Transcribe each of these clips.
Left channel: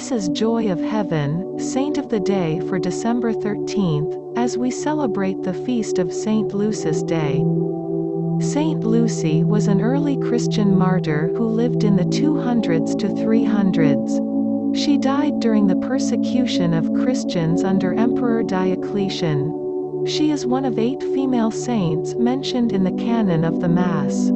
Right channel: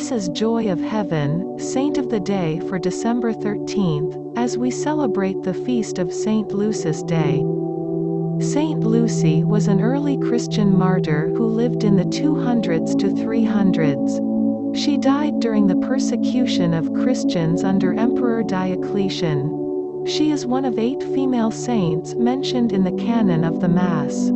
This is Joy of Heaven, Saint of the Day for December 13th, as we celebrate the feast of Saint Lucy's Day. Saint Lucy was an early Christian martyr who lived in the 200s to 300s. She died during the persecution of Christians under Emperor Diocletian. She is one of 8 female saints mentioned in the Canon of the Mass.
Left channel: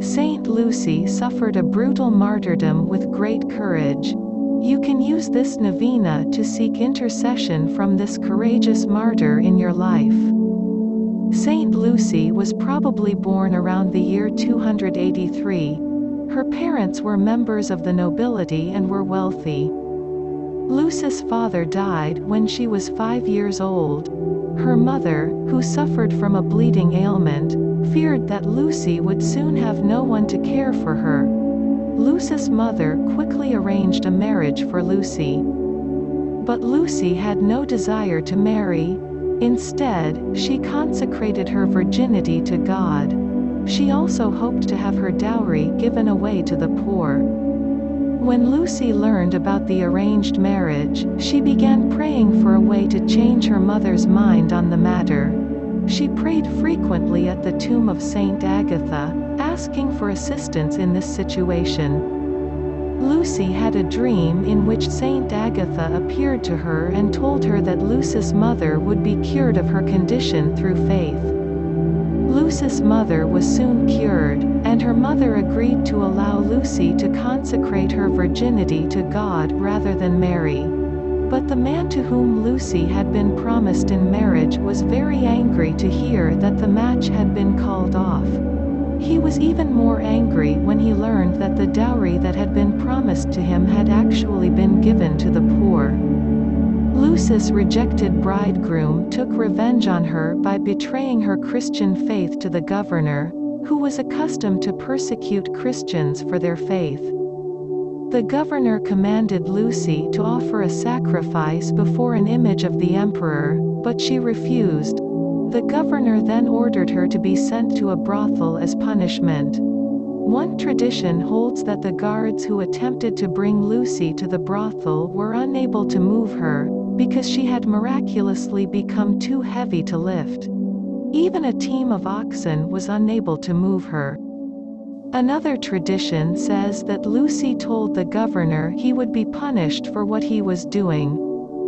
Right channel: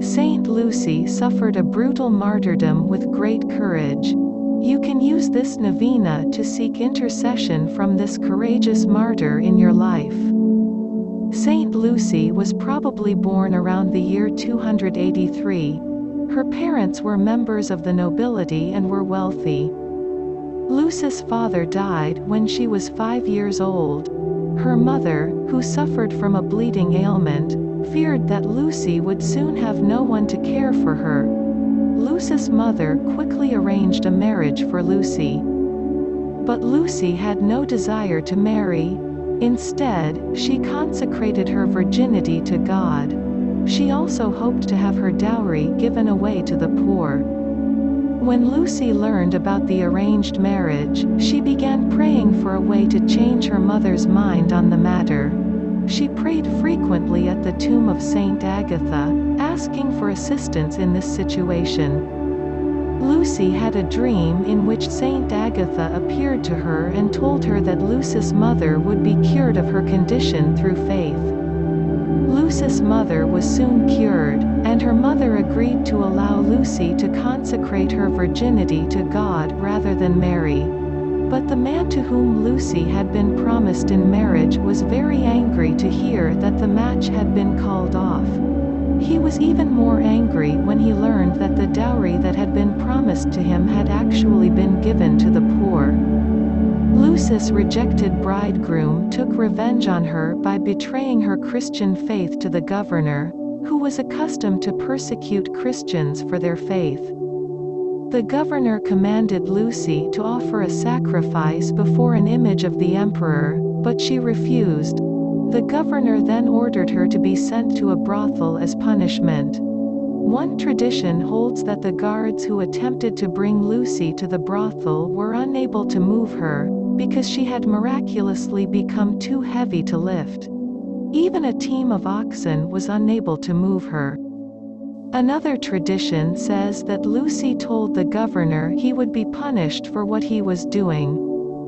Saint Lucy suffered a brutal martyrdom with great courage. You can use this novena to seek intercession from this courageous martyr in your life. Saint Lucy was probably born around the year 283. Her parents were members of the nobility and were wealthy. Lucy's father died when she was 5 years old. Her mother, who suffered from a bleeding ailment, feared that Lucy would soon have no one to care for her. Lucy's mother quickly arranged a marriage for Lucy. But Lucy had no desire to marry. Instead, she consecrated her virginity to God. She also hoped to have her dowry given away to the poor. When Lucy learned about the arranged marriage, she began praying for a way to change her mother's mind on the matter. She prayed frequently at the tomb of Saint Agatha, asking for assistance in this situation. Lucy had a dream in which Saint Agatha appeared to her and told her that Lucy's mother would be cured of her condition through faith. Lucy's mother was soon cured, and her mother agreed to allow Lucy to consecrate her virginity to God rather than marry. But the man to whom Lucy had been promised in marriage was very angry to hear that the match had been called off. He was even more angry when he learned that the dowry that had been promised to him had actually been given to the poor. Lucy's rejected bridegroom took revenge on her by betraying her Christian faith to the governor, who was accustomed to persecute Christians for their faith. The governor commanded Lucy to offer a sacrifice before an image of the emperor, but she refused. The governor then ordered her to be sent to a brothel as punishment. One tradition holds that the guards who attempted to bring Lucy to the brothel were unable to move her, because she had miraculously become too heavy to lift. Even a team of oxen was unable to move her. Another tradition says that Lucy told the governor he would be punished for what he was doing.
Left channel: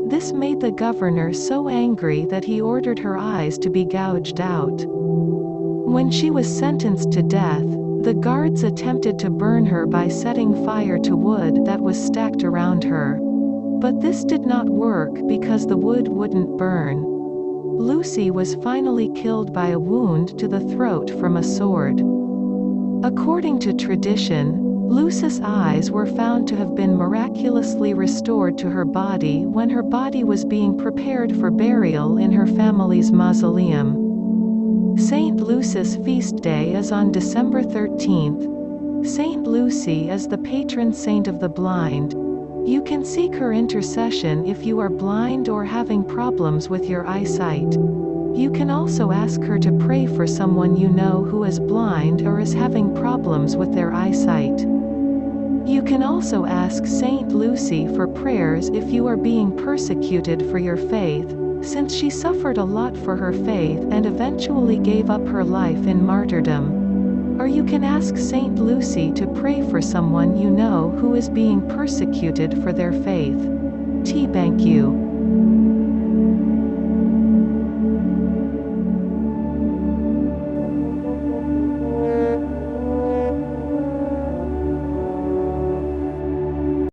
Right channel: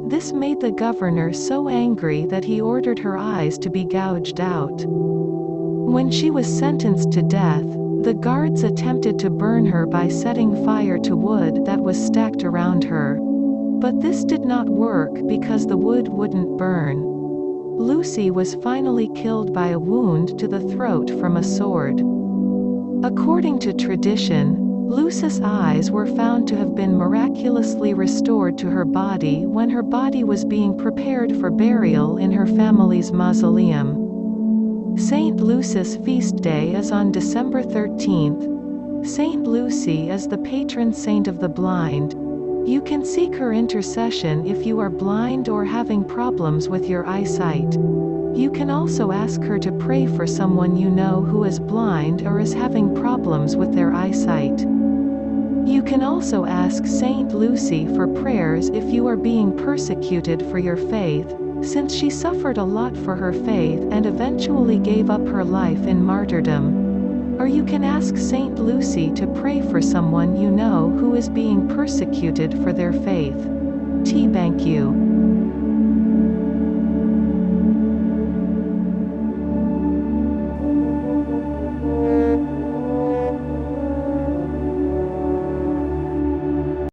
This made the governor so angry that he ordered her eyes to be gouged out. When she was sentenced to death, the guards attempted to burn her by setting fire to wood that was stacked around her. But this did not work because the wood wouldn't burn. Lucy was finally killed by a wound to the throat from a sword. According to tradition, Lucy's eyes were found to have been miraculously restored to her body when her body was being prepared for burial in her family's mausoleum. Saint Lucy's feast day is on December 13th. Saint Lucy is the patron saint of the blind. You can seek her intercession if you are blind or having problems with your eyesight. You can also ask her to pray for someone you know who is blind or is having problems with their eyesight. You can also ask Saint Lucy for prayers if you are being persecuted for your faith, since she suffered a lot for her faith and eventually gave up her life in martyrdom. Or you can ask Saint Lucy to pray for someone you know who is being persecuted for their faith. Thank you.